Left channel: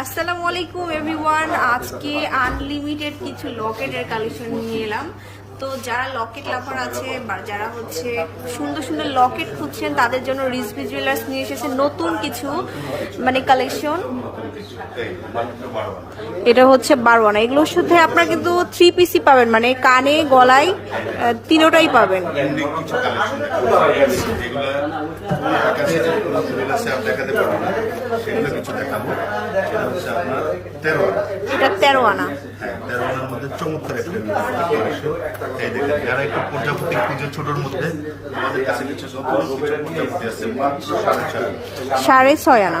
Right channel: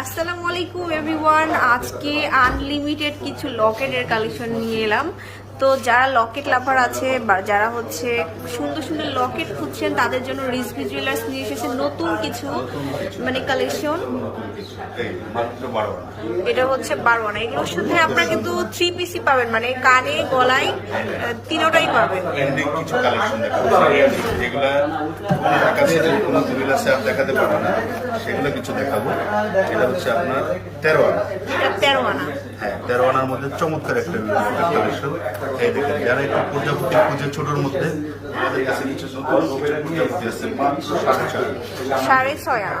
আসসালামু আলাইকুম এভরিওয়ান। আজকে আনলিমিটেড কিছু লকেটের কালেকশন নিয়ে এলাম। তো যারা লকেট লাভার আছে বা যারা হচ্ছে সুন্দর সুন্দর লকেট খুঁজছেন তাদের জন্য রিজভি জুয়েলার্স নিয়ে এসেছে নতুন কিছু কালেকশন। এটা হচ্ছে 12 আনা। এগুলো শুধু আপনারা কিন্তু 3 পিসই পাবেন, মানে কানে গলায় তিনটাই পাবেন। কিছু কালেকশন দেখাতে পারবো না, সেগুলো কিছু দেখাবো। এটা হচ্ছে আপনার 13 আনা। এটা 13 আনা। হ্যাঁ, 13 আনার মধ্যে চমৎকার একটা কালেকশন। এই দেখেন, যারা একটু প্রজাপতি খুঁজে ছোটর মধ্যে, আমাদের কাছে কিছু নতুন কিছু প্রজাপতি আছে মাত্র 6.5 6.5 আনা। আনা।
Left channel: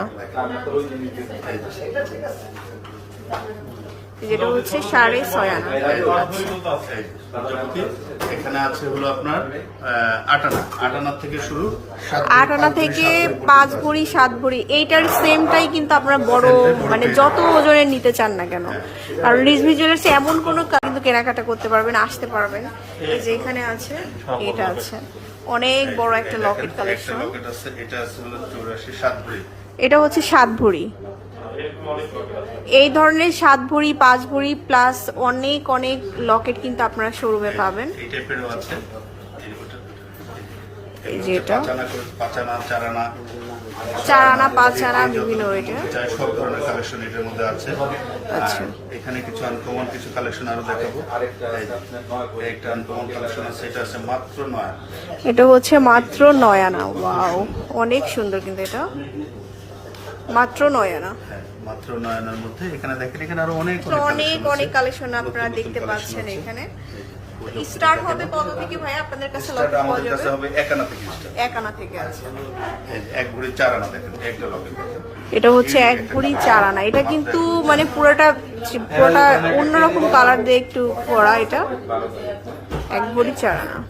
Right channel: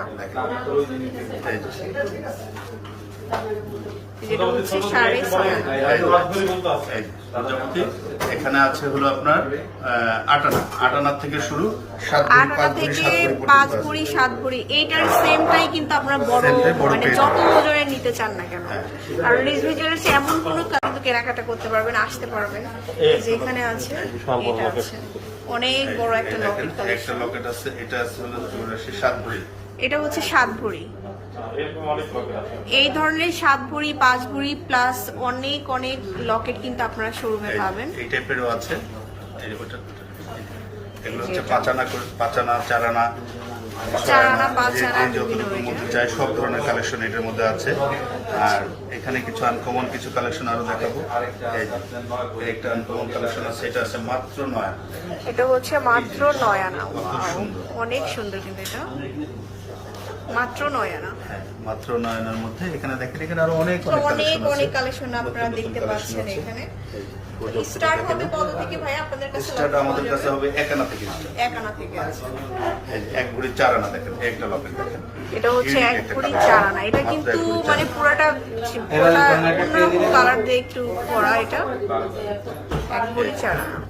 যেটা হচ্ছে 6.5 আনা। প্রজাপতি এখানে আছে হলো আপনার 8 আনা। 8 আনার থেকে শুরু, 7 আনা থেকে 5 ভরি 7 ভরি। এইটার সেমটাই কিন্তু আপনার বড়, মানে যত ওজনের নিতে চান না কেন। আর রিজভি জুয়েলার্স এমন কোনো কারণে কেনাকাটা করতে পারবেন, আসতে পারবেন। এই যে এখানে আছে, এটা আছে অনেক বড় একটা লকেট কালেকশন। একটা লকেট আছে, এটা আছে হলো 84 7 ভরি। এটা হচ্ছে 7 ভরি। এই ধরনের 7 ভরি 5 ভরি প্লাস অনেক অনেক লকেট কিন্তু আপনারা শোরুমে পাবেন। এই টাইপেরও আছে। এগুলো হচ্ছে 5 আনা, 4 আনা, 4 আনা 5 আনা বিভিন্ন চাই, সব ধরনের কালেকশন এটার মধ্যে আছে। আর এখানে কিছু আনকমন কিছু কালেকশন আরো দেখাবো। এই একটা আনকমন কালেকশন আছে, এটা আছে মাত্র 9 আনা। এটা হচ্ছে মাত্র 9 আনা। ওয়াও, অনেক সুন্দর কিন্তু এটা মাত্র 9 আনা। হ্যাঁ, মাত্র 9 আনার মধ্যে এখানে দেখেন, এখানে আরো অনেক অনেক কালেকশন আপনারা দেখতে পাচ্ছেন। এখানে স্টার্ট হবে কত থেকে ভাই আপনাদের কাছে? স্টার্ট আমাদের কাছে হবে 1 আনা থেকে স্টার্ট। 1 আনা থেকে আছে। এই যে 1 ভরি 4 আনা দেখেন, একটা লকেট। এটা হচ্ছে 1 ভরি 4 আনা। এটা কিন্তু মানে পুরোটা অন্যরকম কালার দিয়ে একটু করা। এটা 1 ভরি 4 আনা।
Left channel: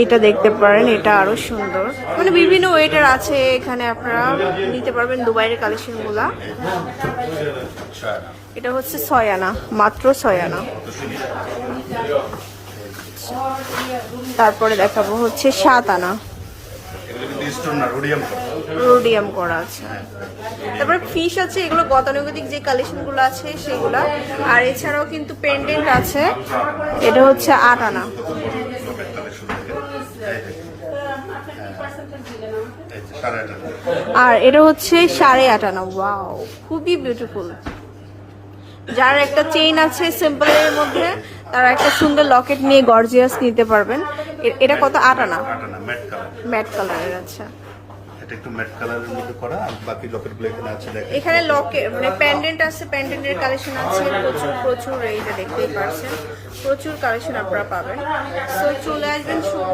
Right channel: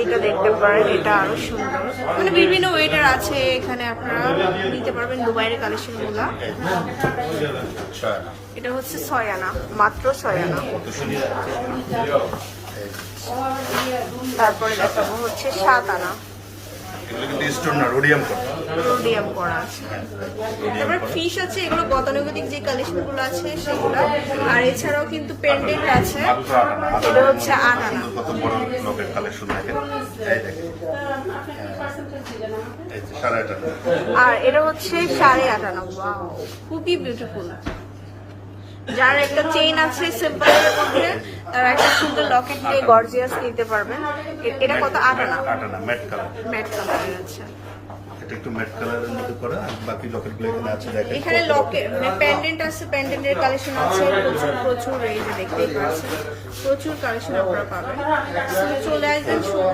এইটা দেখতে পারেন, এটা আরো সুন্দর, মানে বিভিন্ন ওয়েটার আছে এখানে, আপনারা নিতে পারবেন দুবাইয়ের কালেকশন গুলা। এটা হচ্ছে 6 আনা, মাত্র 6 আনা। তারপরে দেখাবো হচ্ছে 7 আনা। এগুলো কিন্তু স্টোন না, রোডিয়াম করা। রোডিয়াম করা আছে। তারপর ফিশ আছে, এগুলো গতানুগতিক যে কালেকশন গুলো আছে সেগুলো। আর এছাড়াও কিন্তু পেন্ডেন্ট আছে। এটা হচ্ছে 8 আনা। কত বড় লকেট কালেকশন দেখেন, এই দেখেন। এই যে 8.5 আনা। আর এটা হচ্ছে 8.5 আনা। ওয়াও, খুবই বিউটিফুল। যার একটা চেইন আছে সিম্পলের মধ্যে, তারা একটা সুন্দর লকেট নিয়ে গর্জিয়াস নিতে পারবেন। এটা কত? 8 আনা। 8 আনা, ম্যাট কালার। Matte colour. আচ্ছা, এটা একটু ম্যাট কালারের মধ্যে করা। আর বাকি লকেটগুলো এখানে আছে দেখেন। এখানে লকেট মানে পেন্ডেন্ট আছে, পেন্ডেন্টের কালেকশন আছে প্রচুর। এই যে দেখতেই পাচ্ছেন, প্রচুর কালেকশন আপনারা পাবেন। তো চলে আসবেন শোরুম।